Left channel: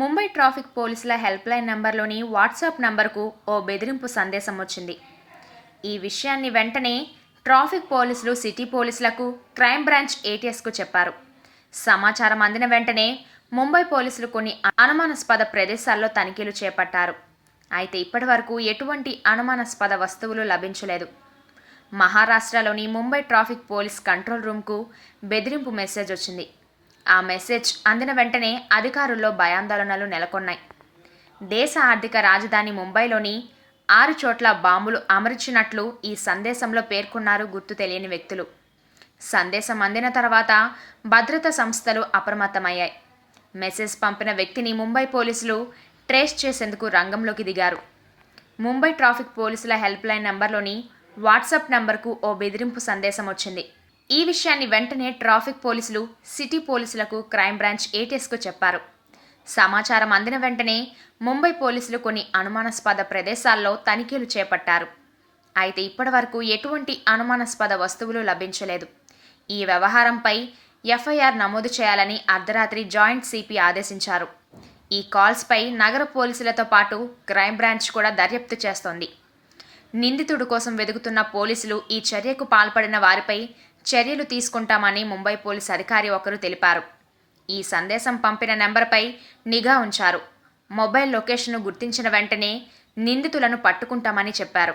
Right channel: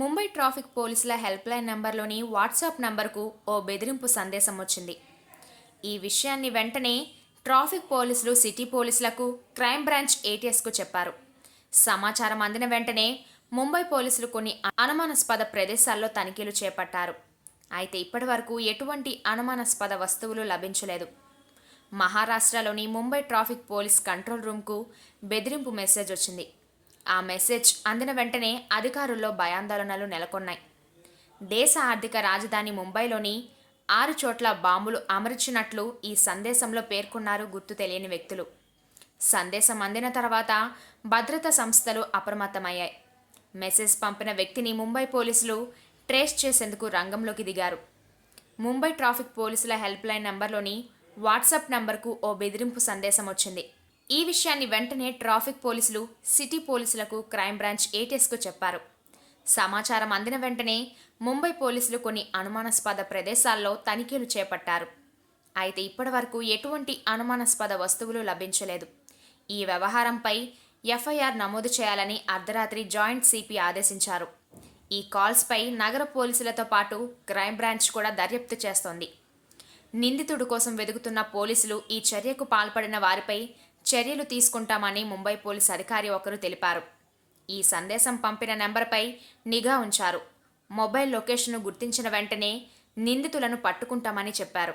Mumbai traffic పోలీసుల helpline నంబర్లోని WhatsApp నంబర్కు ఓ బెదిరింపు సందేశం వచ్చింది. ఈ విషయాన్ని వెంటనే ట్రాఫిక్ పోలీసులు సిటీ పోలీసులకు క్రైమ్ బ్రాంచ్ ఏటీఎస్కు చెప్పారు. సమాచారం అందిన వెంటనే ముంబై పోలీసులు కొన్ని అనుమానాస్పద ప్రదేశాల్లో తనిఖీలు చేపట్టారు. అయితే ఇప్పటివరకు ఎటువంటి అనుమానాస్పద వస్తువులు లభించలేదు. మహారాష్ట్రలోని ముంబై ట్రాఫిక్ పోలీస్ కంట్రోల్ రూమ్కు బెదిరింపు మెసేజ్ వచ్చింది. ఆ మెసేజ్ అందిన వెంటనే అధికారుల్లో భయాందోళనలు నెలకొన్నాయి. దేశ ఆర్థిక రాజధాని ముంబైలోని 6 చోట్ల బాంబులు అమర్చినట్లు ఈ సందేశంలో పేర్కొన్నారు గుర్తు తెలియని వ్యక్తులు. సందేశం అందిన తర్వాత భద్రతా సంస్థలు అప్రమత్తమయ్యాయి. మెసేజ్ పంపిన వ్యక్తిని ముంబై పోలీసులు ట్రేస్ చేసేందుకు రంగంలోకి దిగారు. ముంబై ట్రాఫిక్ పోలీసుల హెల్ప్లైన్ నంబర్లోని వాట్సాప్ నంబర్కు ఓ బెదిరింపు సందేశం వచ్చింది. ఈ విషయాన్ని వెంటనే ట్రాఫిక్ పోలీసులు సిటీ పోలీసులకు క్రైమ్ బ్రాంచ్ ఏటీఎస్కు చెప్పారు. సమాచారం అందిన వెంటనే ముంబై పోలీసులు కొన్ని అనుమానాస్పద ప్రదేశాల్లో తనిఖీలు చేపట్టారు. అయితే ఇప్పటివరకు ఎటువంటి అనుమానాస్పద వస్తువులు లభించలేదు. ఈ వ్యవహారంపై ఎఫ్ఐఆర్ నమోదు చేయాలని అర్ధరాత్రి జాయింట్ సిపి ఆదేశించారు. ఈ కాల్స్పై నగర పోలీసులతో పాటు క్రైమ్ బ్రాంచ్ కూడా దర్యాప్తు చేస్తోంది. నిందితుడు కోసం వెతుకుతున్న పోలీసులు ఈ చర్యకు పాల్పడిన వారిపై చర్యలు తీసుకుంటామని ముంబై పోలీస్ అధికారి ఒకరు తెలిపారు. ఈ సందేశం పంపిన నెంబర్పై నిఘా ఉంచారు. మొబైల్ లొకేషన్ను గుర్తించిన వెంటనే నిందితులను పట్టుకుంటామని చెప్పారు.